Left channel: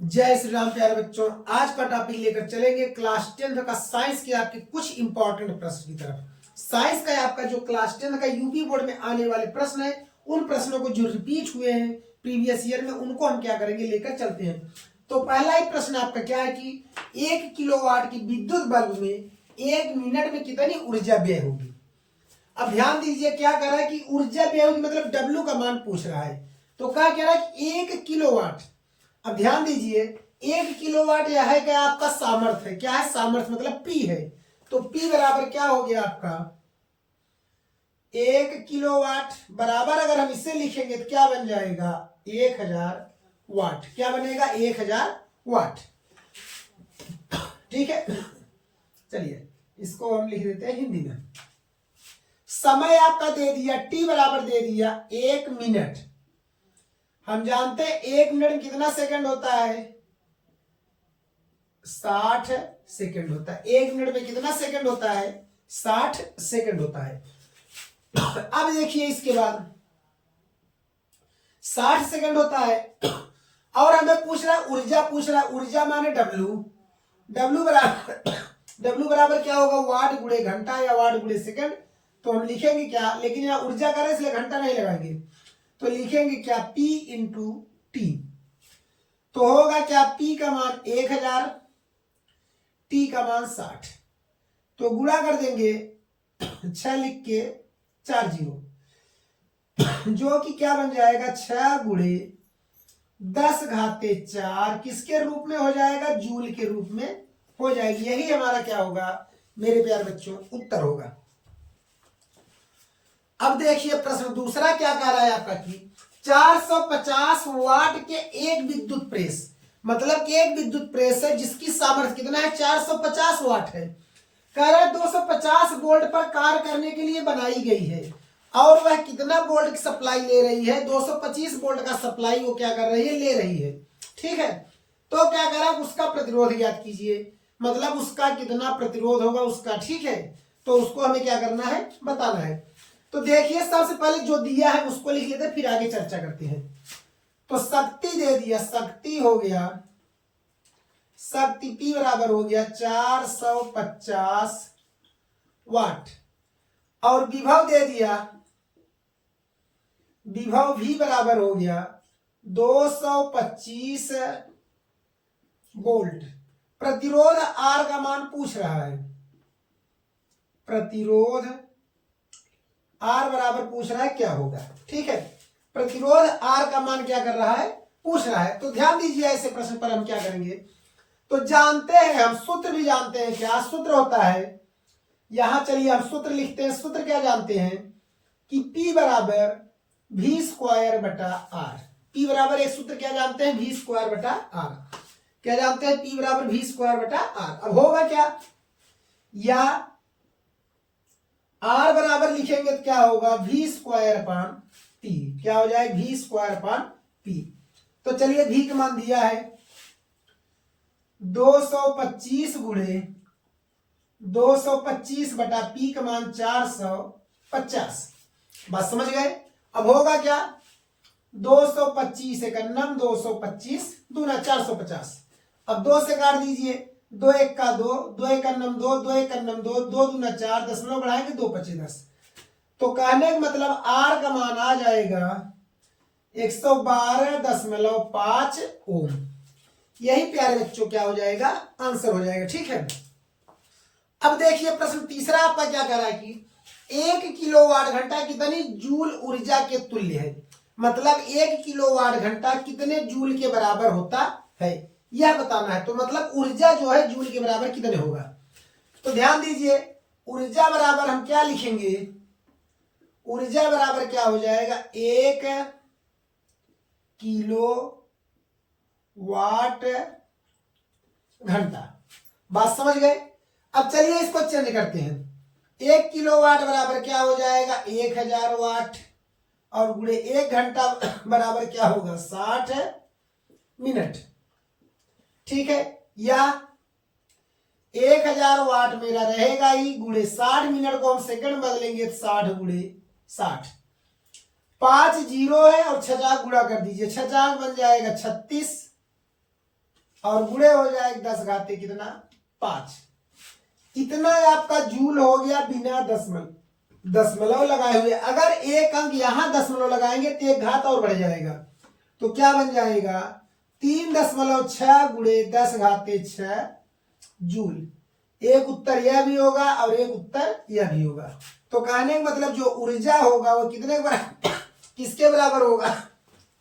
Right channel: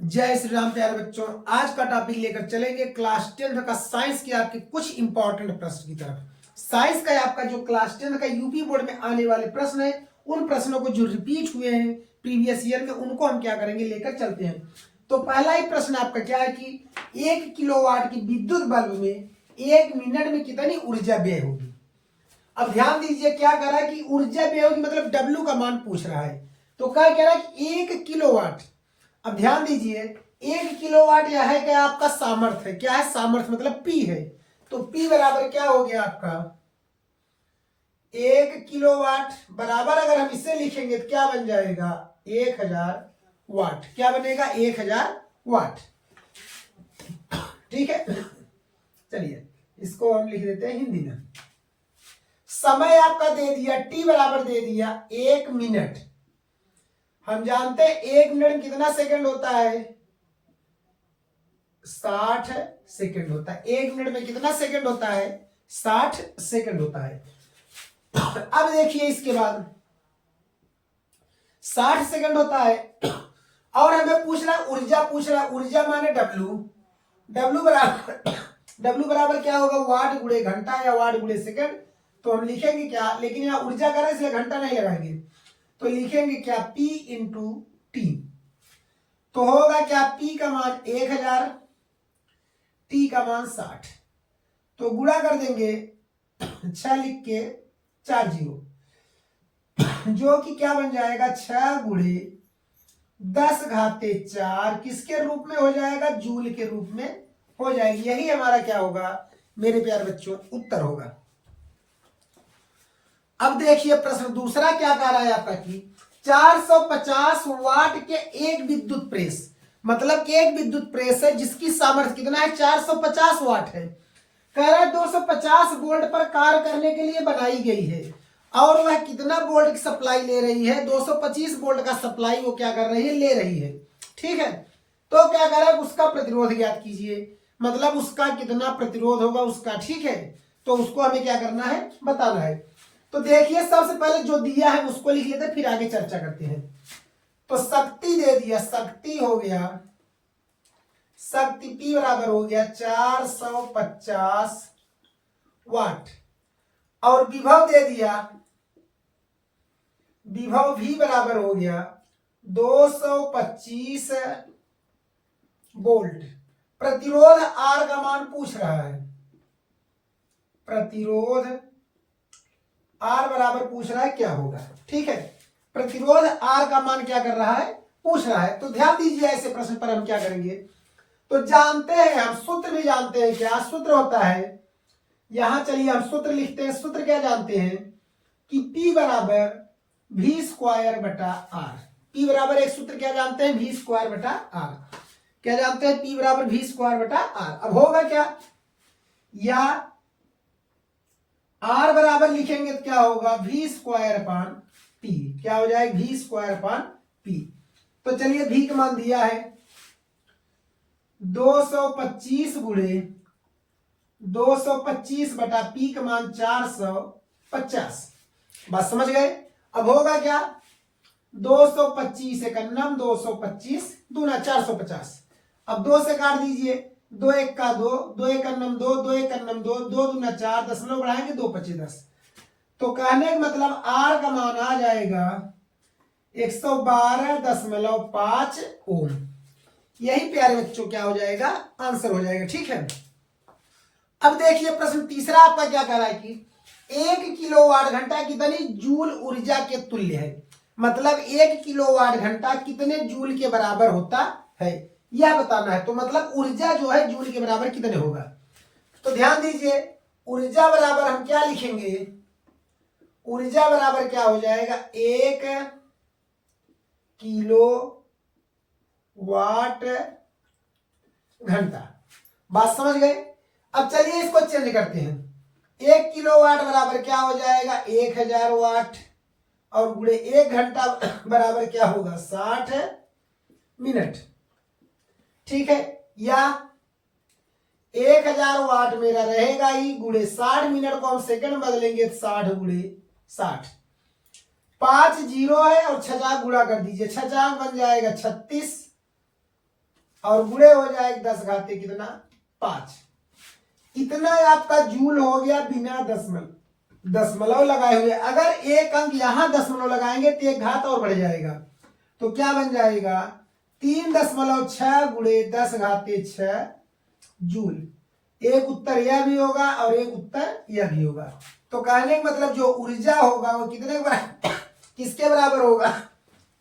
जय श्री राम प्यारे बच्चों। आज का टॉपिक लेकर चलेंगे क्लास 10 का साइंस के आपके कुछ इंपॉर्टेंट प्रश्न की तरफ। साइंस का आपका जो क्लास 10 का यूपी बोर्ड में आने वाले प्रश्न है, उन प्रश्नों को जो रिपीट हुए हैं प्रीवियस ईयर में, उनको हम क्या करेंगे, लेकर चलते हैं। तो पहला ही प्रश्न आपका क्या है कि 1 किलोवाट की विद्युत बल्ब में 1 मिनट में कितनी ऊर्जा व्यय होगी। अब ध्यान दीजिए, क्या कर रहा है कि ऊर्जा व्यय होगी मतलब डब्ल्यू का मान पूछ रहा है। तो क्या कह रहा है कि 1 किलोवाट। अब ध्यान दीजिए, 1 किलोवाट यह है क्या, आपका सामर्थ्य है। क्या है, सामर्थ्य मतलब पी है। तो पी बराबर क्या हो गया आपका 1 किलोवाट बराबर, अगर हम इसे लिखेंगे तो क्या बन जाएगा 1000 वाट। क्या बनेगा 1000 वाट। ठीक है, चलिए इसको हम लिख देते हैं हिंदी में। समय आपका दे दिया, टी बराबर दे दिया 1 मिनट। हम जानते हैं 1 मिनट में कितना सेकंड होता है, 60 सेकंड होता है। 1 मिनट में कितना सेकंड होता है, 60 सेकंड होता है। अब देखिए इसके बाद 60 सेकंड होता है और हमें पूछ रहा है ऊर्जा, पूछ रहा है ऊर्जा माने डब्ल्यू। डब्ल्यू बराबर क्या होगा, वाट गुणे घंटा या वाट गुणे सेकंड। तो हम लिखेंगे क्या, लेकिन यहाँ ऊर्जा कर रहे इसलिए घंटा नहीं लगाएंगे, तो लिखेंगे क्या P इंटू टी। तो होगा क्या, P का मान 1000, T का मान 60। तो गुणा कर देंगे 6 लिख के 4 जीरो, जो कि क्या बन जाएगा 6 गुणे 10 घाते 4 किसके रूप में हो जाएगा, जूल के रूप में हो जाएगी। यही हमारा क्या होगा मेरे प्यारे बच्चों, उत्तर होगा। अब देखिए प्रश्न दूसरा क्या कह रहा है आपका कि 450 वाट के एक विद्युत प्रेस, मतलब कि एक विद्युत प्रेस है जिसकी सामर्थ्य कितना है, 450 वाट है। कह रहा है 250 वोल्ट पर कार्य करने के लिए बनाई गई है और वह कितना वोल्ट की सप्लाई ले रही है, 225 वोल्ट का सप्लाई वो क्या कर रही है, ले रही है। ठीक है, तो क्या कर रहा है, उसका प्रतिरोध ज्ञात कीजिए, मतलब उसका कितना प्रतिरोध होगा उसका। ठीक है, तो उसको हमें क्या करना है, बताना है। तो देखिए सबसे पहले जो दिया है उसको लिख लेते, फिर आगे चर्चा करते हैं। तो शक्ति दे दिया, शक्ति हो गया, शक्ति P बराबर हो गया 450 वाट। और विभव दे दिया, विभव V बराबर हो गया 225 वोल्ट। प्रतिरोध R का मान पूछ रहा है, प्रतिरोध R बराबर पूछ रहा है क्या होगा। ठीक है, प्रतिरोध R का मान क्या कर रहा है, पूछ रहा है। तो ध्यान दीजिए ऐसे प्रश्न पर हम क्या करेंगे, तो जानते हैं हम, सूत्र भी जानते हैं। क्या सूत्र होता है, यहां चलिए हम सूत्र लिखते हैं। सूत्र क्या जानते हैं कि P बराबर V स्क्वायर बटा R। P बराबर एक सूत्र क्या जानते हैं, V स्क्वायर बटा R। क्या जानते हैं, P बराबर V स्क्वायर बटा R। अब होगा क्या, या R बराबर लिखेंगे तो क्या होगा, V स्क्वायर अपान P। क्या हो जाएगा, V स्क्वायर अपान P। तो चलिए V का मान दिया है 225 गुणे 225 बटा P का मान 450। बात समझ गए। अब होगा क्या, 225 एक अन्नम 225 दूना 450। अब 2 से काट दीजिए, 2 एक का 2, 2 एक अन्नम 2, 2 एक अन्नम 2, 2 दूना 4, दशमलव बढ़ाएंगे 2 25 10। तो कहने का मतलब R का मान आ जाएगा 112.5 ओम। यही प्यारे बच्चों क्या हो जाएगा, आंसर हो जाएगा। ठीक है, अब देखिए प्रश्न तीसरा आपका क्या कह रहा है कि 1 किलोवाट घंटा कितनी जूल ऊर्जा के तुल्य है, मतलब 1 किलोवाट घंटा कितने जूल के बराबर होता है, यह बताना है। तो मतलब ऊर्जा जो है जूल के बराबर कितने होगा। तो ध्यान दीजिए, ऊर्जा बराबर हम क्या लिखेंगे, ऊर्जा बराबर क्या हो जाएगा, 1 किलो वाट घंटा। बात समझ गए। अब चलिए इसको चेंज करते हैं। 1 किलोवाट बराबर क्या हो जाएगा, 1000 वाट, और गुणे 1 घंटा बराबर क्या होगा, 60 मिनट। ठीक है, या 1000 वाट मेरा रहेगा ही, गुणे 60 मिनट को हम सेकंड बदलेंगे तो 60 गुणे 60। 5 जीरो है और 6 गुणा कर दीजिए, 6 बन जाएगा 36, और गुणे हो जाए 10 घाते कितना 5। इतना आपका जूल हो गया बिना दशमलव लगाए हुए। अगर एक अंक यहां दशमलव लगाएंगे तो एक घात और बढ़ जाएगा, तो क्या बन जाएगा 3.6 गुणे 10 घाते 6 जूल। एक उत्तर यह भी होगा और एक उत्तर यह भी होगा। तो कहने का मतलब जो ऊर्जा होगा वो कितने किसके बराबर होगा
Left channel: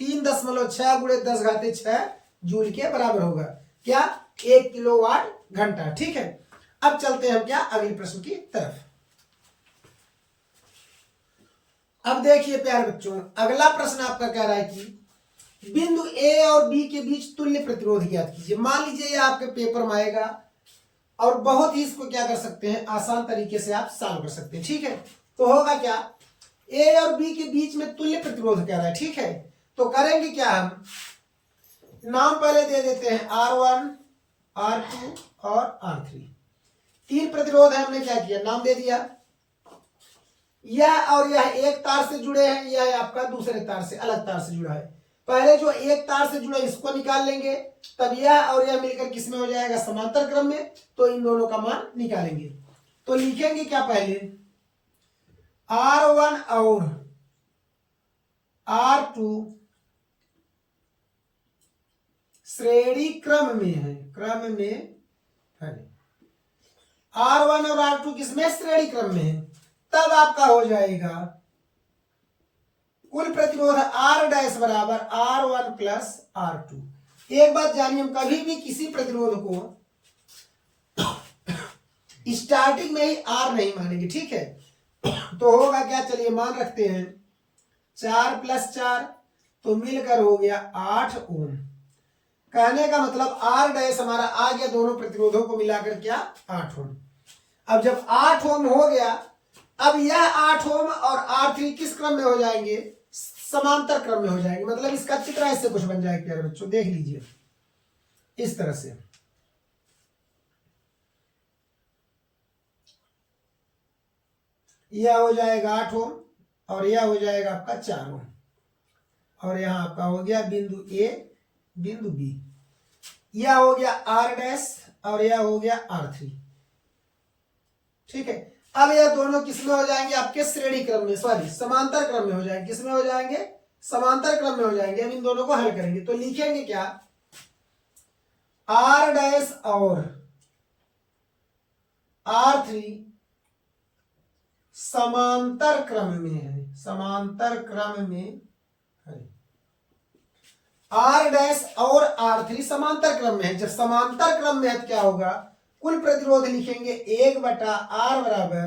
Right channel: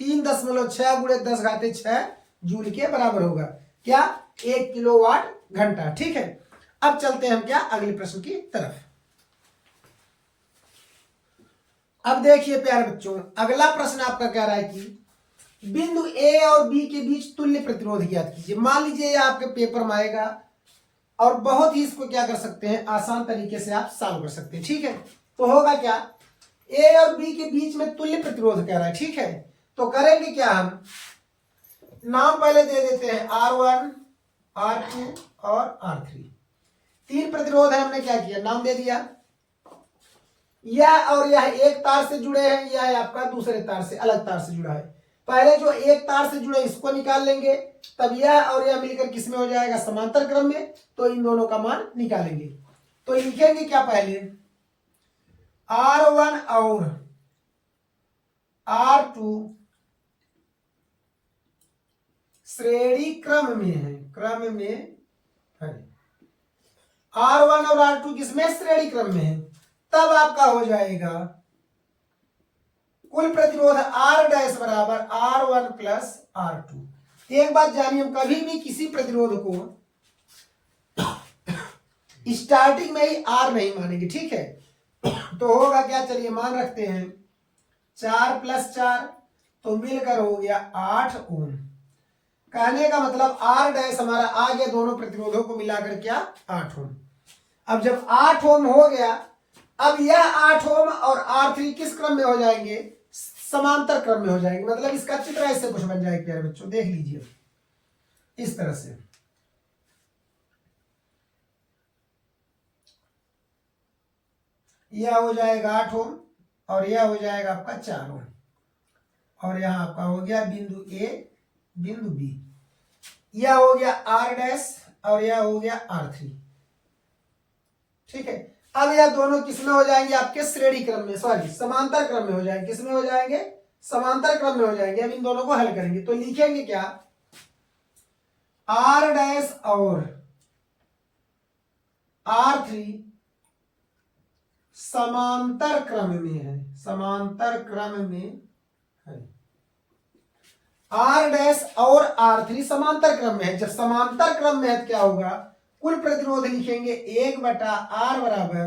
3.6 गुणे 10 घाते 6 जूल के बराबर होगा। क्या 1 किलोवाट घंटा। ठीक है, अब चलते हैं हम क्या अगले प्रश्न की तरफ। अब देखिए प्यारे बच्चों, अगला प्रश्न आपका कह रहा है कि बिंदु ए और बी के बीच तुल्य प्रतिरोध ज्ञात कीजिए। मान लीजिए ये आपके पेपर में आएगा और बहुत ही इसको क्या कर सकते हैं आसान तरीके से आप सॉल्व कर सकते हैं। ठीक है, तो होगा क्या ए और बी के बीच में तुल्य प्रतिरोध कह रहा है। ठीक है, तो करेंगे क्या हम नाम पहले दे देते हैं R1 R2 और R3। 3 प्रतिरोध है, हमने क्या किया नाम दे दिया। यह और यह एक तार से जुड़े हैं, यह आपका दूसरे तार से अलग तार से जुड़ा है। पहले जो एक तार से जुड़े इसको निकाल लेंगे, तब यह और यह मिलकर किसमें हो जाएगा समांतर क्रम में, तो इन दोनों का मान निकालेंगे। तो लिखेंगे क्या पहले R1 और R2 श्रेणी क्रम में है, क्रम में है। R1 और R2 किसमें श्रेणी क्रम में है, तब आपका हो जाएगा कुल प्रतिरोध R डैश बराबर R1 प्लस R2। एक बात जानिए, हम कभी भी किसी प्रतिरोध को स्टार्टिंग में ही R नहीं मानेंगे। ठीक है, तो होगा क्या चलिए मान रखते हैं 4 + 4 तो मिलकर हो गया 8 ओम। कहने का मतलब R डैश हमारा आ गया दोनों प्रतिरोधों को मिलाकर क्या 8 ओम। अब जब 8 ओम हो गया, अब यह 8 ओम और R3 किस क्रम में हो जाएंगे समांतर क्रम में हो जाएंगे। मतलब इसका चित्र ऐसे कुछ बन जाएगा प्यारे बच्चों, देख लीजिए इस तरह से। यह हो जाएगा 8 ओम और यह हो जाएगा आपका 4 ओम, और यहां आपका हो गया बिंदु ए बिंदु बी। यह हो गया R डैश और यह हो गया R3। ठीक है, अब यह दोनों किसमें हो जाएंगे आपके श्रेणी क्रम में, सॉरी समांतर क्रम में हो जाएंगे। किसमें हो जाएंगे समांतर क्रम में हो जाएंगे। अब इन दोनों को हल करेंगे तो लिखेंगे क्या R डैश और R3 समांतर क्रम में है, समांतर क्रम में है। R डैश और R3 समांतर क्रम में है। जब समांतर क्रम में है तो क्या होगा कुल प्रतिरोध लिखेंगे 1/R बराबर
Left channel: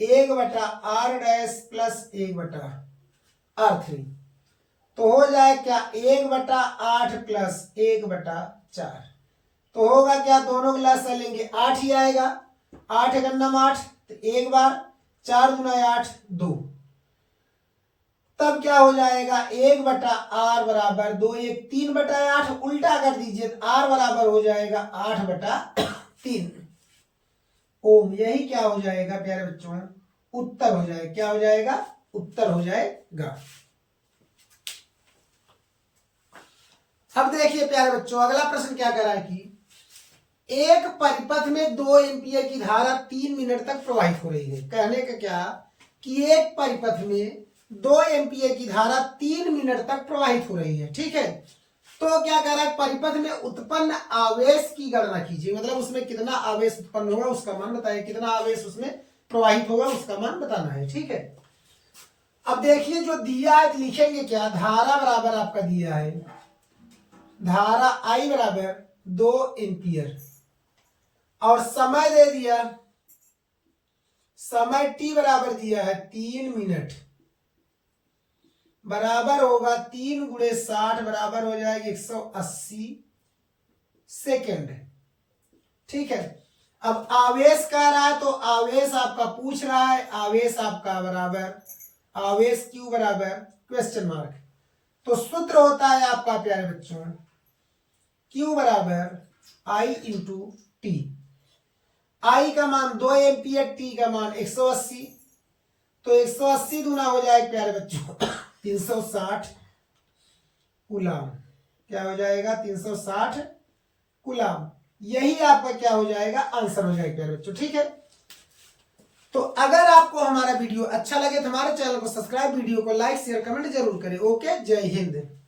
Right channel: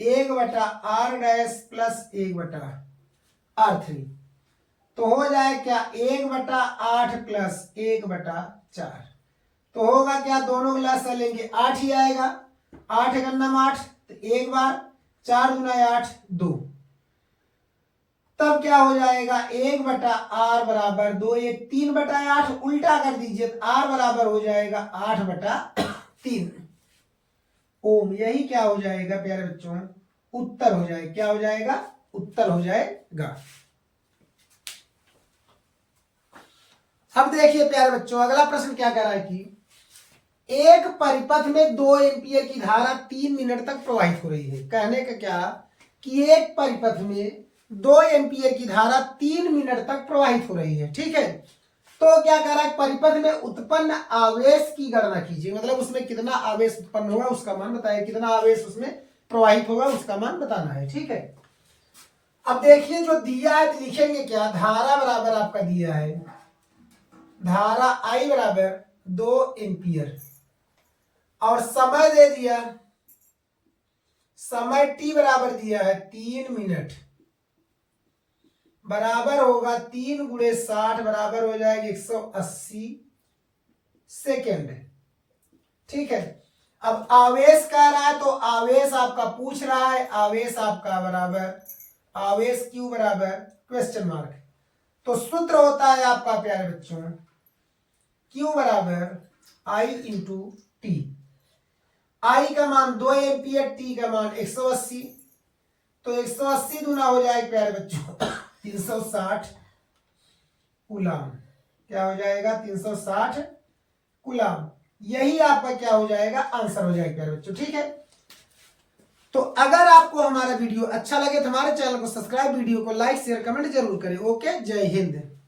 1/R डैश प्लस 1/R3। तो हो जाए क्या 1/8 प्लस 1/4। तो होगा क्या दोनों का लसा लेंगे 8 ही आएगा। 8 गन्नम 8 तो एक बार 4 × 8 2। तब क्या हो जाएगा 1/R बराबर 2 1 3/8 उल्टा कर दीजिए तो R बराबर हो जाएगा 8/3 ओम। यही क्या हो जाएगा प्यारे बच्चों उत्तर हो जाएगा। क्या हो जाएगा उत्तर हो जाएगा। अब देखिए प्यारे बच्चों अगला प्रश्न क्या कर रहा है कि एक परिपथ में 2 एम्पीयर की धारा 3 मिनट तक प्रवाहित हो रही है। कहने का क्या कि एक परिपथ में 2 एम्पीयर की धारा 3 मिनट तक प्रवाहित हो रही है। ठीक है, तो क्या कह रहा है परिपथ में उत्पन्न आवेश की गणना कीजिए। मतलब उसमें कितना आवेश उत्पन्न होगा उसका मान बताइए, कितना आवेश उसमें प्रवाहित होगा उसका मान बताना है। ठीक है, अब देखिए जो दिया है लिखेंगे क्या धारा बराबर आपका दिया है धारा I बराबर 2 एम्पीयर और समय दे दिया, समय t बराबर दिया है 3 मिनट बराबर होगा 3 × 60 बराबर हो जाएगी 180 सेकेंड। ठीक है, अब आवेश कह रहा है तो आवेश आपका पूछ रहा है, आवेश आपका बराबर आवेश Q बराबर क्वेश्चन मार्क। तो सूत्र होता है आपका प्यारे बच्चों Q बराबर I × T। I का मान 2 एम्पीयर, T का मान 180। तो 180 दूना हो जाए प्यारे बच्चों 360 कूलम। क्या हो जाएगा 360 कूलम। यही आपका क्या हो जाएगा आंसर हो जाएगा प्यारे बच्चों। ठीक है, तो अगर आपको हमारा वीडियो अच्छा लगे तो हमारे चैनल को सब्सक्राइब, वीडियो को लाइक शेयर कमेंट जरूर करें। ओके, जय हिंद।